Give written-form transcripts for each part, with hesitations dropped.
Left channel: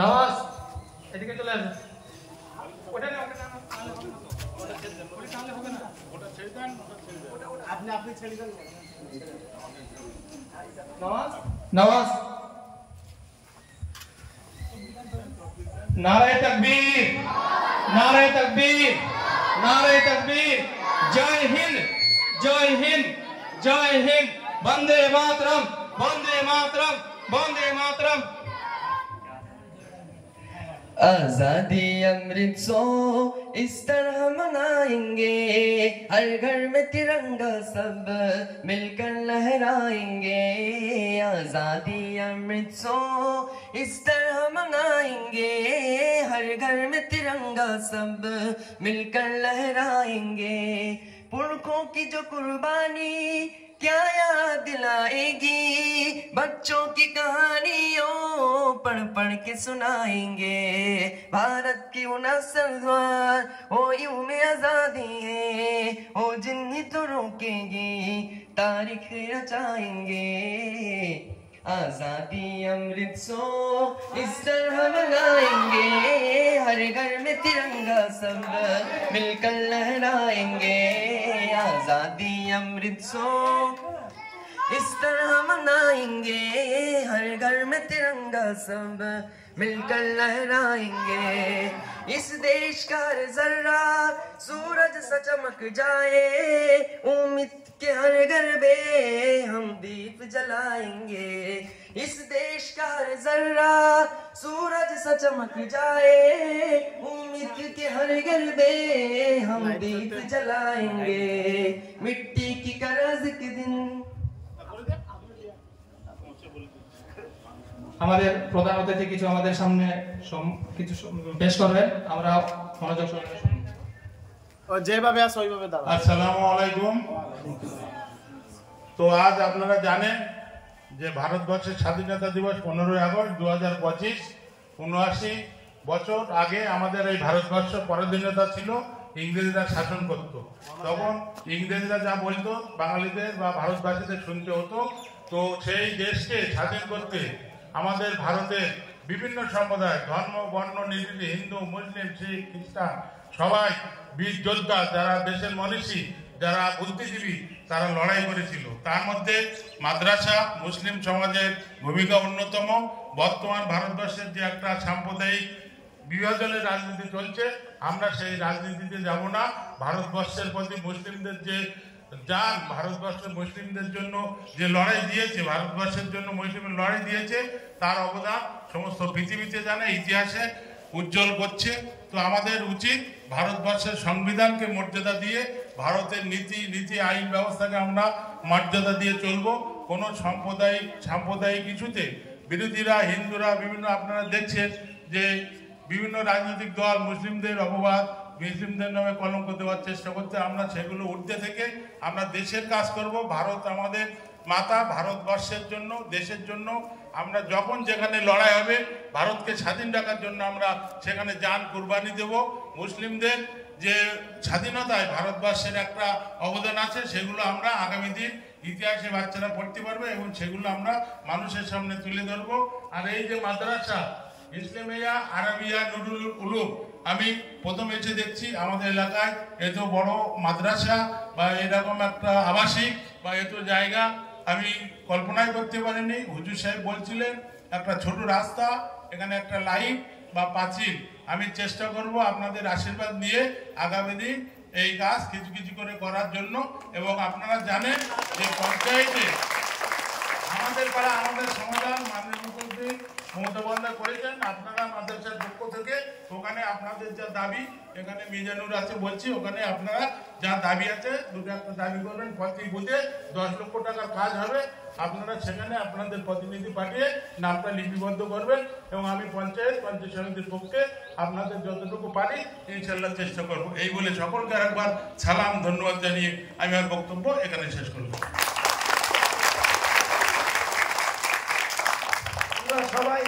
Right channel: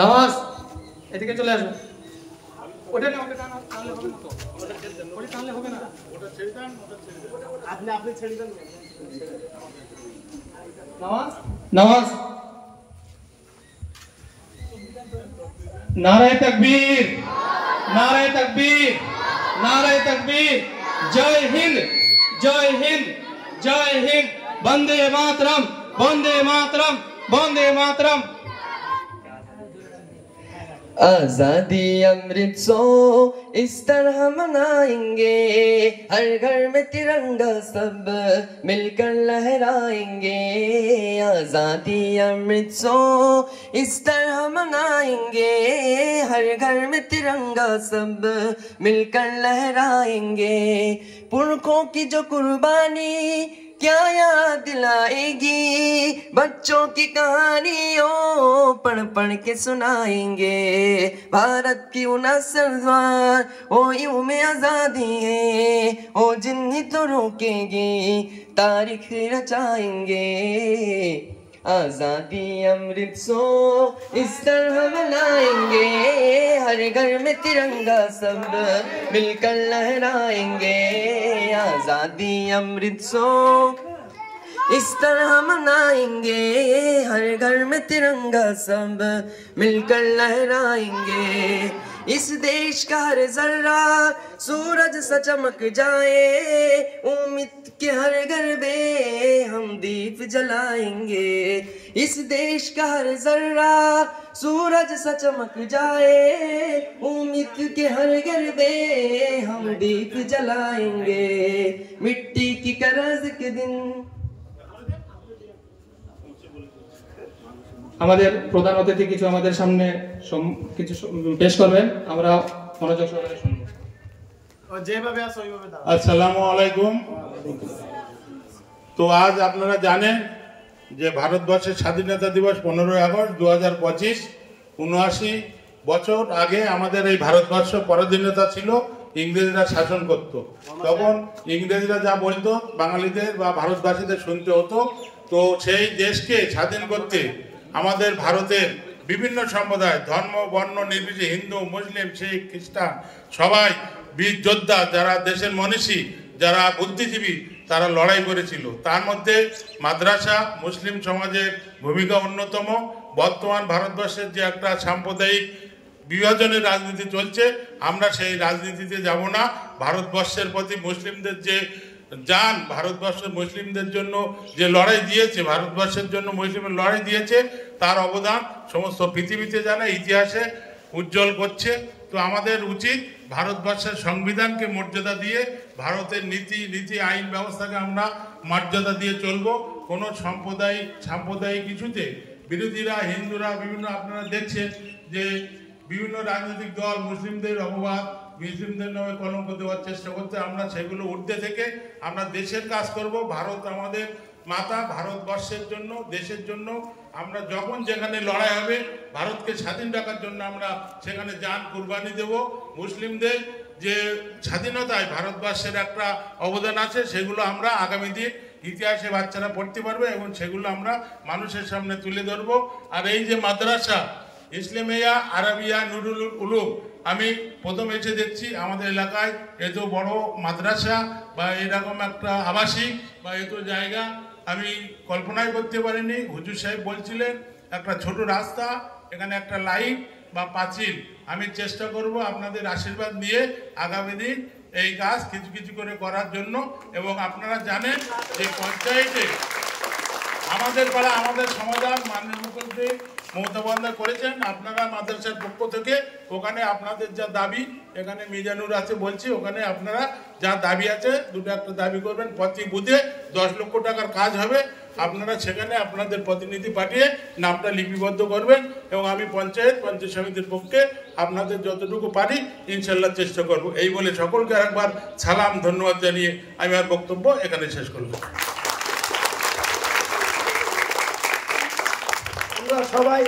নামাজ এদিকে চলে আসুন। ওটা আপনি ছেড়ে দেন। নামাজ নামাজ নারে তাকবীর, নারে তাকবীর, নারে তাকবীর। জয় হিন্দ, জয় হিন্দ, জয় হিন্দ। বন্দে মাতরম, বন্দে মাतरम, বন্দে मातरम। आजादी अमृत सो इस तरह मनाएंगे, हर घर में तिरंगा सब मिलकर लहराएंगे। आजादी अमृत सो इस तरह मनाएंगे, हर घर में तिरंगा सब मिलकर लहराएंगे। पुरखों की जो कुर्बानी क्या याद दिलाएगी, बच्चों की कहानियों पढ़ पढ़ के सुनाएंगे। भारत की वो नस्लवार वो यूं में आजादी है, वो जिन्हें तो रोकेगी तारीख रचाएंगे। आजादी अमृत सो इस तरह मनाएंगे, हर घर में तिरंगा सब मिलकर लहराएंगे। आजादी अमृत सो इस तरह मनाएंगे, हर घर में तिरंगा सब मिलकर लहराएंगे। इस देश का हर जर्रा सूरज सा चमक जाए, उम्मीद के हर घर में हम दीप जलाएंगे। इस देश का हर जर्रा सूरज सा चमक जाए, उम्मीद के हर घर में हम दीप जलाएंगे। मिट्टी की करज के दिन। আমাদের প্রধান অতিথি কিছু আমাদের সামনে কিছু পেশ করবেন, আমরা মনোযোগ সহকারে শুনব। যেভাবে আছে ওইভাবে দাও। আসসালামু আলাইকুম। তো আজ আপনারা জানেন যে ভারতবর্ষের স্বাধীনতা দিবস 15 আগস্ট 2025। 79 বছর আগে আমাদের এই ভারতবর্ষ পরাধীনতা ছিল, ইংরেজরা শাসন করত। তখন ইংরেজরা যা বলতো বাঙালিদের বা ভারতবাসীদের শুনতে হতো। তো সেই দেশকে স্বাধীন করতে আমাদের ভারতের বিভিন্ন সম্প্রদায়, ধর্ম বর্ণ নির্বিশেষে, হিন্দু মুসলিম শিখ খ্রিস্টান সবাই বীর যোদ্ধা, যারা দেশের মনীষী, যারা বুদ্ধিজীবী, তারা লড়াই করেছিল। তার মধ্যে মাদ্রাসা মুসলিম সমাজের ভূমিকা অন্যতম। বর্তমান ভারতবর্ষের যে একটা সাম্প্রদায়িক বিভাজনের রাজনীতি চলছে, আমরা সেই রাজনীতিতে যাব না। ভারতবর্ষের প্রতি মুসলিমদের যে যান, ভারতবর্ষের মুসলিমদের জন্য যে লড়াই দিয়েছে, ভারতবর্ষের জন্য মুসলিমের লড়াই দিয়েছে, তার অবদান সমস্ত পৃথিবীতে জানা, ইতিহাসে উজ্জ্বল করছে। তো আমাদের উচিত ভারতবর্ষের সংবিধানকে মর্যাদা দিয়ে, ভারতের নীতি আইন ব্যবস্থাকে আমরা মর্যাদা দিয়ে চলব। কোনো সাম্প্রদায়িক ইস্যুতে বিরোধীরা, হিন্দুরা বিভিন্ন, আপনারা দেখছেন যে বিভিন্ন রাজনৈতিক দল মুসলিমদের অপবাদ, মুসলিমদের নামে কলঙ্ক দেওয়ার চেষ্টা করতে, আমরা সেগুলো ঊর্ধ্বে থেকে আমরা দেশের কাজ করব। ভারত আমাদের মাতা, ভারতবর্ষের জন্য, দেশের জন্য আমরা যখন যেখানে লড়াই হবে, ভারতকে স্বাধীন রাখার জন্য আমরা সেখানে জান কুরবানি দেব। মুসলিমদের যে স্বাধীনতায় ভারতবর্ষের একটা অবদান আছে, সেগুলো আমরা আগামী দিন ইতিহাসে বাচ্চারা পড়তে পারবে এবং সেগুলো আমরা মানুষের সামনে তুলে ধরবো। আর এই যে মাদ্রাসা ইসলামিয়া আরবিয়া নুরুল উলুম, আমি প্রথম এসে দেখছি আমাদের এলাকায় এত বড় মাদ্রাসা বা এরকম একটা আবাসিক বা এত জায়গা আমি কল্পনাই করতে পারিনি। হুজুর সাহেব বলছিলেন একটা ছোট রাস্তা, এখানে একটা লাইট বা পাঁচিল। আমি চেষ্টা করব আপনাদের আশীর্বাদ নিয়ে আগামী দিন এই কাজ কিছু কিছু করে করার জন্য। এবং আপনারা জানেন যে পঞ্চায়েতে আমাদের পাড়া আমাদের সমাধান মাননীয় মুখ্যমন্ত্রী মমতা বন্দ্যোপাধ্যায় করেছেন। আপনারা মাদ্রাসার পক্ষ থেকে ওখানে আপনাদের যা দাবি, এখানে মিজানুর আছে বলছি, ওখানে আপনারা যা দাবি আছে দুটো একটা দাবি করবেন। প্রতি বুথে 10 লক্ষ টাকার কাজ হবে, আপনারা সেখানে আপনাদের প্রতিনিধি পাঠিয়ে নামটা লিপিবদ্ধ করবেন এবং আমি পঞ্চায়েত সমিতির পক্ষে আপনাদের যতটুকু পারি ইনশাল্লাহ চেষ্টা করব। এই বলে সকলকে আরেকবার সালাম ধন্যবাদ জানিয়ে আমি আমার বক্তব্য এখানে শেষ করব। সবাই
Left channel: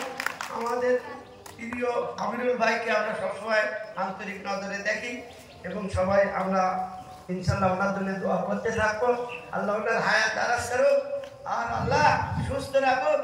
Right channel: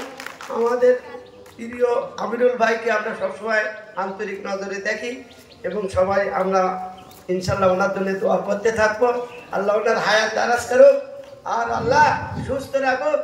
আমাদের প্রিয় আমিনুল ভাইকে আমরা সবসময় আন্তরিক নজরে দেখি এবং সবাই আমরা ইনশাল্লাহ ওনার জন্য দোয়া করতে থাকবো। আল্লাহ ওনার হায়াত দারাজ করুক আর আল্লাহ সুস্থ রাখুক।